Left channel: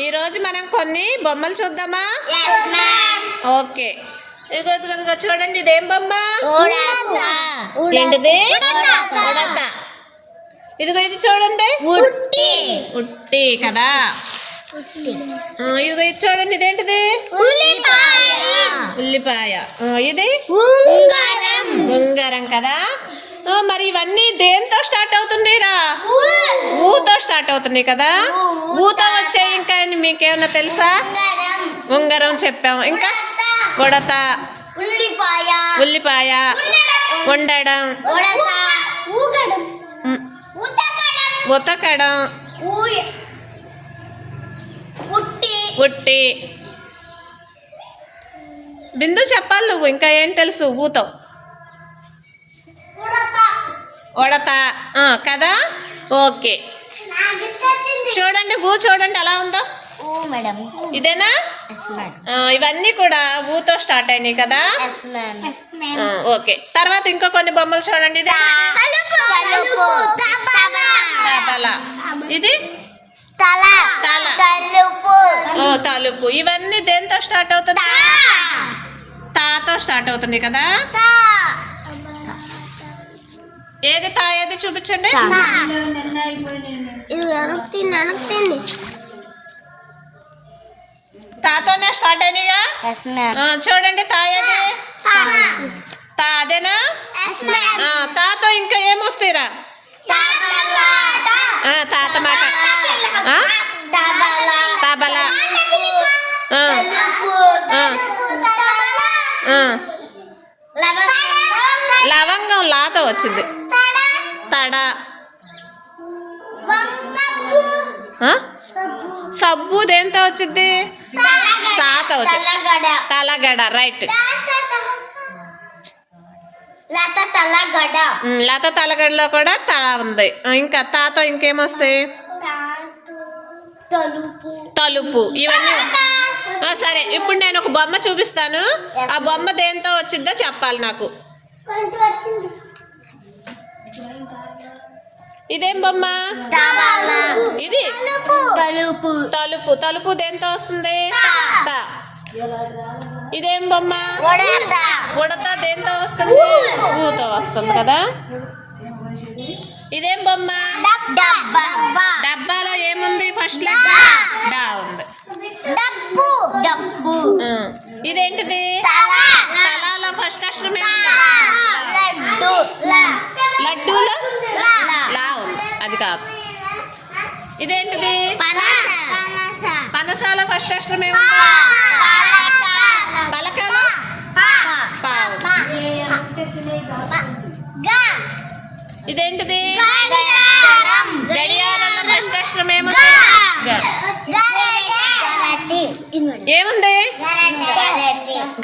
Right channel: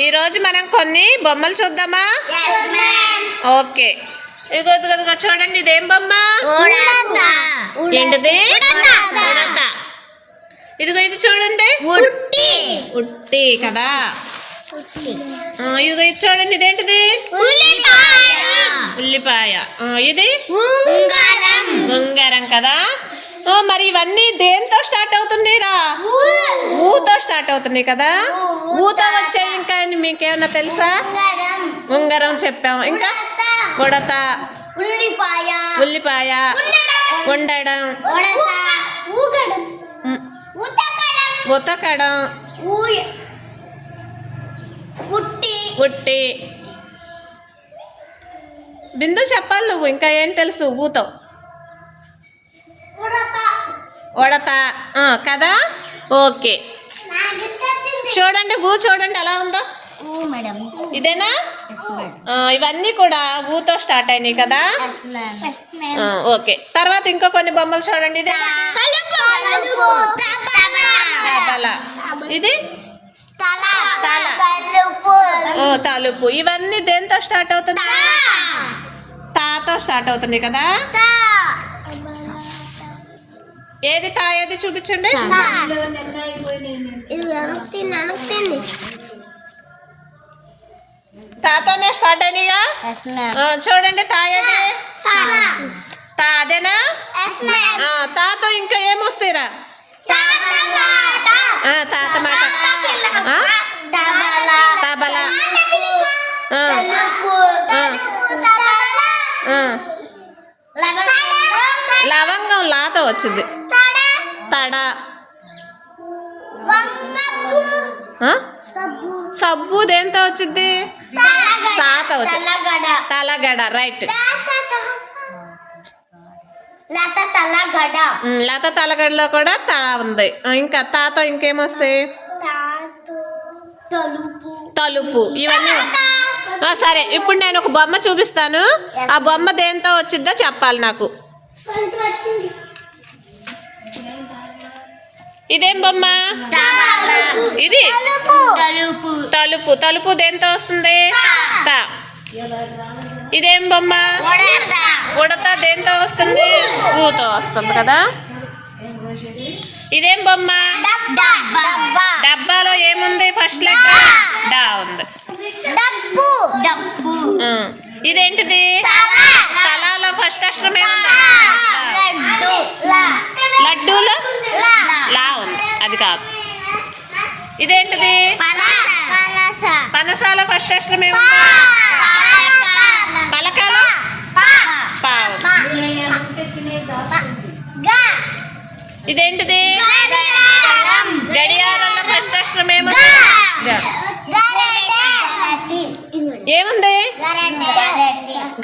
ఈరోజు మనం కొన్ని బొమ్మలు చూద్దామా? ఓకే, ఇదిగో చూడండి, ఇదేం బొమ్మ? ఏంటిది? ఉడత. ఇదిగో ఇది చూడండి, ఉట్టి కదా. ఇదిగో ఇది చూడండి, ఇదేంటిది? ఉల్లిపాయ. ఇది ఉంగరం కదా. మరి ఇవన్నీ దేంతో స్టార్ట్ అవుతుందిరా? ఊతో స్టార్ట్ అవుతుంది కదా. ఊతో వచ్చాయి. ఇంకా మీకేమన్నా తెలుసా? ఉంగరం చెప్పాము. ఇంకా ఉడత, ఉల్లిపాయ, ఉండడం, ఉతకడం, ఉట్టి. బిందు చెప్పాలి నువ్వు, ఇంకా ఏం తెలుసు ఊతో? ఉడత కదా. ఓకే, చూడండి ఊ చూడండి ఎలా ఉందో. ఇదేనా? ఇవన్నీ కూడా ఊతో స్టార్ట్ అయినాయి కదా. ఓకే, తర్వాత ఇంకా కొన్ని బొమ్మలు చూడండి. ఇదే ఇది తలుపు. ఇవన్నీ దేంతో స్టార్ట్ అవుతుంది? తాతో స్టార్ట్ అవుతుంది కదా. ఏది తా? ఏది చూపించండి. తాతోనే స్టార్ట్ అయినాయిగా. చూడండి, తా ఏది? తా అదేనా? తాతో ఇంకా ఏమొస్తాయిరా? తాత మాట తబలా. లవంగం లాతో వచ్చింది. తడ. సబ్బు దేంతో వచ్చింది? సాతో వచ్చింది. తలగడ. రైట్. లత తలగడలో కూడా తా ఉంది. ఇంకా తాతో ఇంకేమొస్తాయి? తలుపు. ఇవన్నీ సరే. ఇప్పుడు నేను ఒక బొమ్మ చూపిస్తాను. ఆ బొమ్మ దేంతో వచ్చిందో చెప్పాలి నాకు. ఇదేం బొమ్మ? ఇది తలుపు. తలుపు దేంతో వస్తుంది? తా. ఇదేం బొమ్మ? ఉడత దేంతో వస్తుంది? ఊతో వస్తుంది కదా. ఇదేం బొమ్మ? డబ్బాలో ఏముంది? ఫస్ట్ లెటర్ డా ఉంది. ఇదేంటిది? తలాలో ఫస్ట్ అక్షరం ఏముంది? లడ్డూలో లా ఉంది. అది కాదు. ఇదేంటిది? పనసాలో ఫస్ట్ అక్షరం ఏముంది? పలకాలో పా ఉంది. ఇదేంటిది? గడియారంలో ఫస్ట్ అక్షరం ఏముంది? ఏముంది?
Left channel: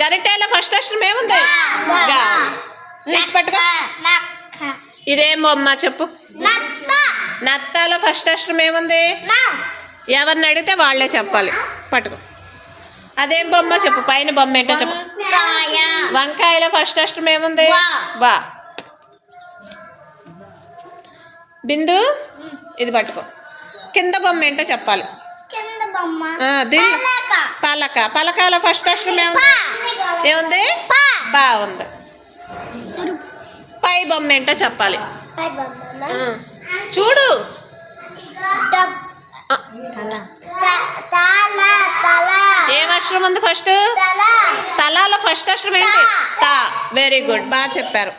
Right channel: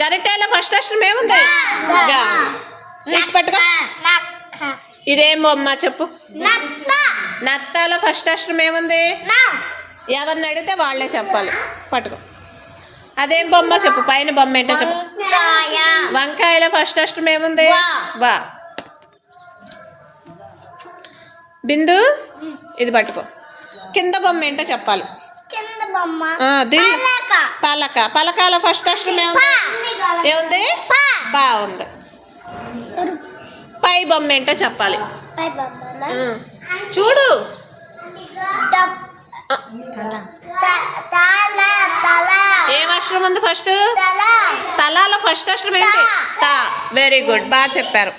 గరిటెలో ఫస్ట్ అక్షరం ఏముంది? పట్టుకో. ఇదేం బొమ్మ చెప్పు? నత్తాలో ఫస్ట్ అక్షరం ఏముంది? ఎవరిని అడిగితే వాళ్ళే చెప్పాలి. పట్టుకో. అదేం బొమ్మ చెప్పు? పైన బొమ్మ ఏంటో చెప్పు. వంకాయలో ఫస్ట్ అక్షరం ఏముంది? బా. బిందు ఇది పట్టుకో. కింద బొమ్మ ఏంటో చెప్పాలి. పలక. పలకాలో ఫస్ట్ అక్షరం ఏముంది? ఏముంది? పా ఉంది. పై బొమ్మ ఏంటో చెప్పాలి. చూడు. ఏం అక్షరం ఉంది ఫస్ట్? తలాలో ఫస్ట్ అక్షరం ఏంటి? తా. వెరీ గుడ్, బాగా చెప్పారు.